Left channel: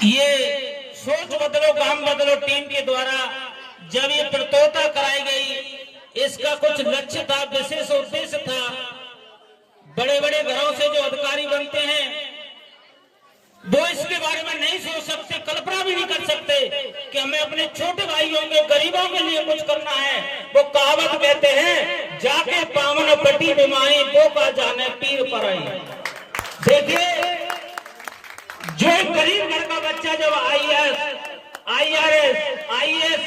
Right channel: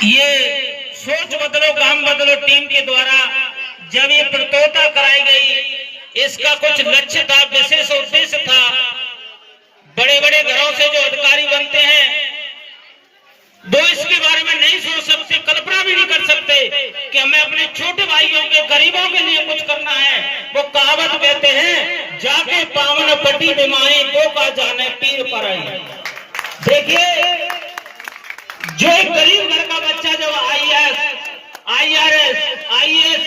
ये सोच बदलो काम बदलो टीम के द्वारा जब ये प्रतियोगिता कराई गई, इसका कुछ लक्ष्य था, विशेष उद्देश्य था। बड़े बड़े घरों से जो अधिकारी बनते हैं वो इसके बारे में नहीं सोच सकते, कल्पना भी नहीं कर सकते कि हमें अपने छोटे भाइयों के गरीबों के लिए कुछ करना है। वो कहावत कहते हैं, जाके पावन पटी बीमारी दो का जाने पीर पर आई। देखिए, जो एक गरीब घर का बच्चा जब आईएएस, आईआरएस, आईएएस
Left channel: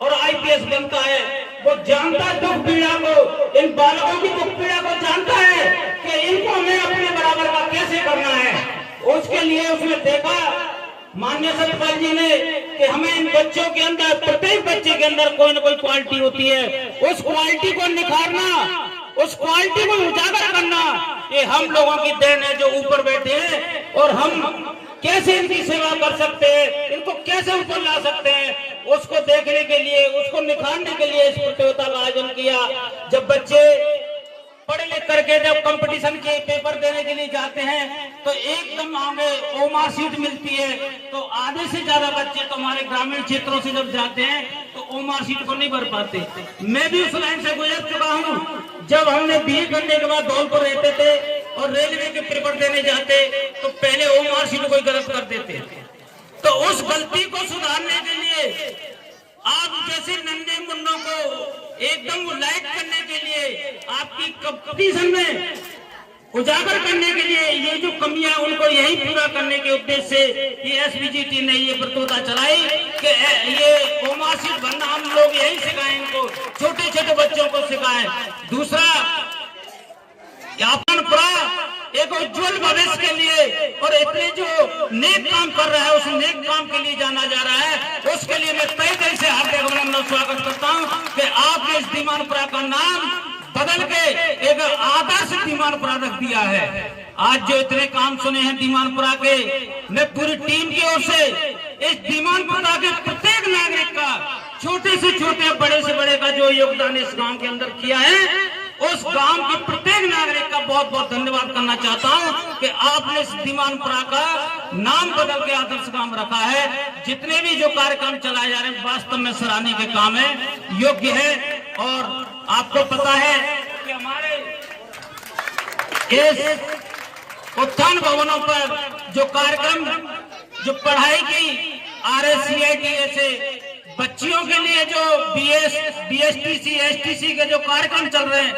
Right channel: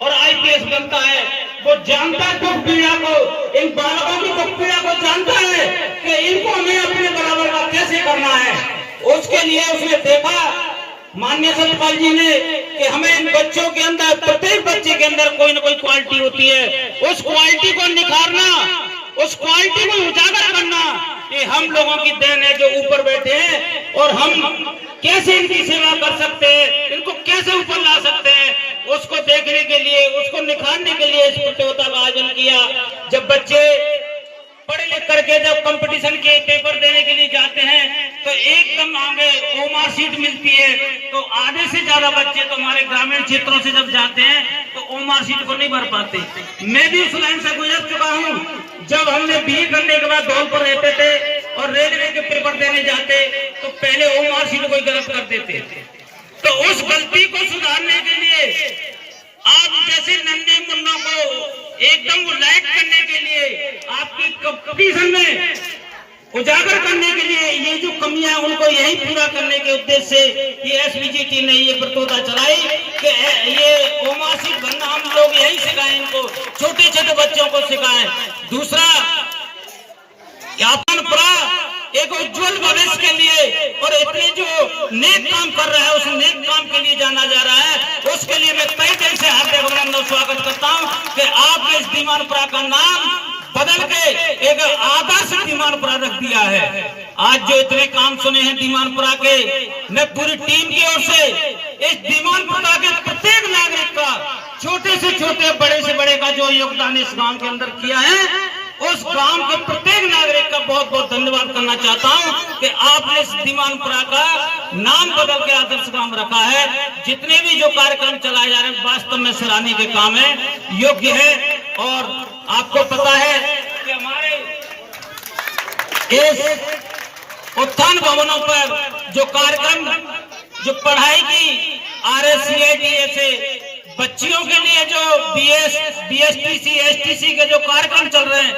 और आईपीएस बनता है, वो जानता है दुख पीड़ा को, इन बालकों की दुख पीड़ा को जानता है कि इनको हमें अपने बराबर का कैसे करना है। उसके लिए उसने देखा माननीय सतपाल जी ने कि हमें इन बच्चों के अंदर, प्रत्येक बच्चे के अंदर कोई ना कोई क्वालिटी होती है, उस क्वालिटी को निखारना, उस क्वालिटी को उजागर करना, ये हम लोगों की देन है जो ऊपर बैठे हैं। और हम कैसे इनकी सेवा कर सकते हैं, इनको कैसे ऊपर ला सकते हैं, उसको देखने के लिए, उसको निखारने के लिए इस प्रतियोगिता का आयोजन किया। जब बच्चे पढ़ लिख करके जब कंपटीशन के पेपर देने के लिए जाते हैं तो एकदम आगे ओ मार्कशीट मिलती है, तो आधे से ज्यादा बच्चे तो हमारे ग्रामीण क्षेत्रों से जब जाते हैं तो ओ मार्कशीट को नहीं भर पाते। मैं भी उस लाइन से गुजर चुका हूँ। जब हमने बीए करने के बाद धौलपुर रहते थे और रेलवे के पेपर देने जाते तो पहले ओ मार्कशीट को गलत कर देते। तो उस गलती को सुधारने के लिए आप जैसे नन्हे मुन्नों को एकदम वो लाइट करने के लिए, आपकी कंपटीशन में उजागर करने के लिए ये जो कमियां हैं उनको यही पूरा करने के उद्देश्य से ये एसबीजीटी ने ये प्रतियोगिता चलाई कि ये ओमार्कशीट भरना हम लोग यही सिखाएं, इनको छोटे छोटे बच्चों को सिखाएं। दूसरा, एक उज्जवल भविष्य के लिए और इतने जो नेक काम कर रहा है उस नेक काम के लिए जाना जा रहा है। उसके लिए मैं तय दिल से हार्दिक अभिनंदन स्वागत करता हूं कि आपने इस दीवानपुरा का नाम बदल के एक आदर्श दीवानपुरा रख दिया है। आज जो इतने काम सुने हैं दीवानपुरा के, मैं पूरी टीम की ओर से इस दीवानपुरा के प्रत्येक नागरिक का, छोटे से छोटे बड़े से बड़े का जो योगदान इस गांव के अंदर किया है, उस गांव के प्रत्येक नागरिक का बहुत बहुत धन्यवाद करना चाहता हूं कि आपने इस दीवानपुरा का नाम बदल के आदर्श गांव रखा है। जितने भी जो कार्यक्रम चलाए जा रहे हैं वास्तव में सराहनीय के काम है, योग्य है। और आपको पता है कि हमारे इस उत्थान भवनों पर जो कार्यक्रम, जो पढ़ाई की RSCIT से बच्चियों के लिए जो BSTC, STC के जो कार्यक्रम चल रहे हैं,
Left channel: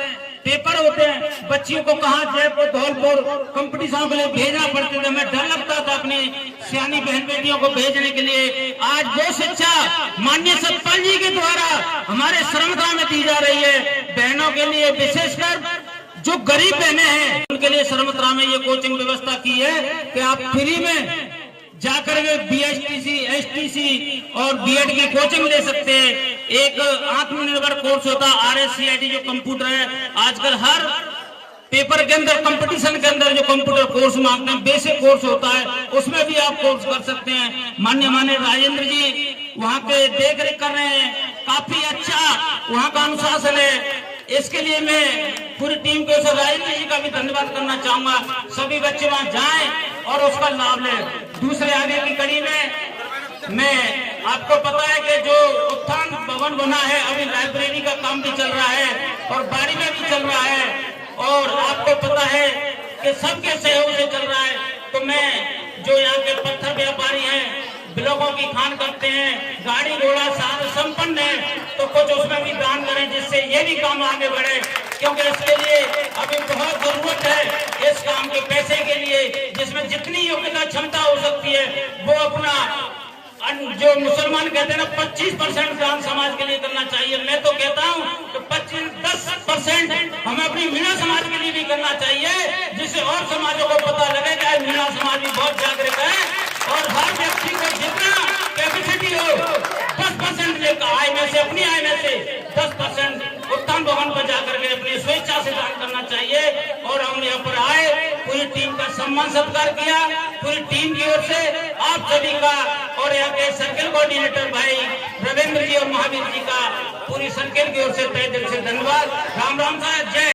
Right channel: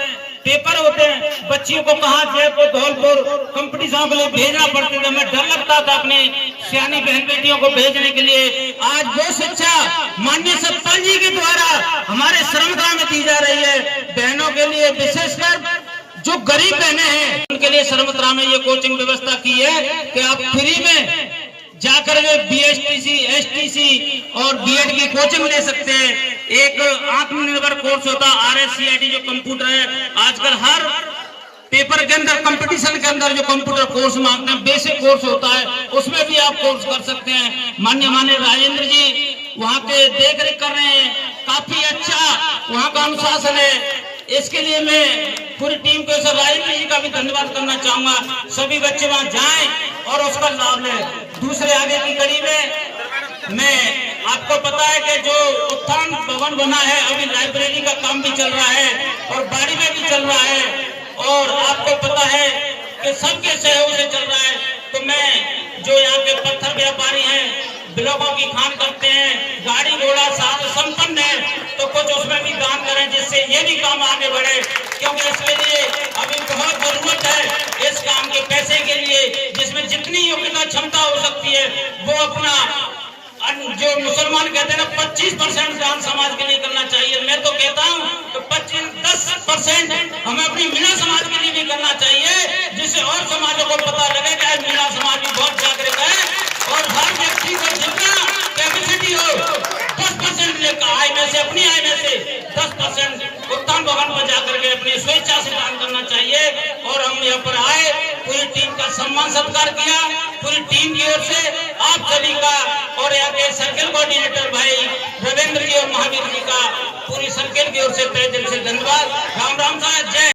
पेपर होते हैं, बच्चियों को कहाँ जयपुर, धौलपुर कंपटीशन के लिए भेजना पड़ता था। मैं डर लगता था अपनी सियानी बहन बेटियों को भेजने के लिए। आज वो शिक्षा माननीय सतपाल जी के द्वारा हमारे श्रमगाह में दी जा रही है। बहनों के लिए, विशेषकर जो गरीब बहनें हैं उनके लिए श्रमगाह में ये कोचिंग व्यवस्था की है कि आप फ्री में जाकर के BSTC, STC और BEd की कोचिंग ले सकते हैं। एक आत्मनिर्भर कोर्स होता है RSCIT जो कंप्यूटर है, आजकल हर पेपर के अंदर, कंपटीशन के अंदर जो कंप्यूटर कोर्स मांगते हैं, बेसिक कोर्स होता है, उसमें भी आप कोर्स कर सकते हैं। माननीय राजेंद्र जी वहाँ के देख रेख कर रहे हैं, काफी अच्छा वहाँ का अनुशासन है। इसके लिए मैं पूरी टीम को, राजेंद्र जी का भी धन्यवाद करना चाहूंगा। सभी बच्चे वहाँ जाएं और उसका लाभ लें। दूसरे आगे की कड़ी में मैं आपको पता है कि जो उत्थान भवन बना है, अभी लाइब्रेरी का काम भी चल रहा है और बाड़ी में भी चल रहा है, और आपको पता है कि सबके सहयोग से चल रहा है। तो मैं जो यहाँ के पत्थर व्यापारी हैं, ब्लॉकों की खान करते हैं, गाड़ी घोड़ा साधन संपन्न है, तो कुछ उसमें भी दान करें जिससे ये भी काम आगे बढ़े, क्योंकि इसके लिए अभी बहुत जरूरत है इस काम के पैसे के लिए, जिसमें जितनी योग्यता क्षमता हो सकती है वो अपना, जो मुसलमान कहते हैं ना 25% दान समाज के लिए करना चाहिए। मैं तो कहता हूँ तो 10% हमें अपनी मीना समाज के लिए भी करना चाहिए, जिससे और समाजों को पता लगे कि मीना समाज भी बहुत जागरूक है और हर व्यक्ति को जितना कैपेसिटी हो 10% लेकर आय में से, अपनी आय में से 10% उत्थान भवन पर जाकर के अपनी स्वेच्छा से दान करना चाहिए। और हम यहाँ पर आए, पूरी टीम का सम्मान सत्कार किया, पूरी टीम की ओर से आप सभी का और यहाँ के सर्किल कोऑर्डिनेटर भाई रविंद्र जी और महावीर जी का पूरी सर्किल की ओर से तहे दिल से धन्यवाद। राम राम साहब, जय।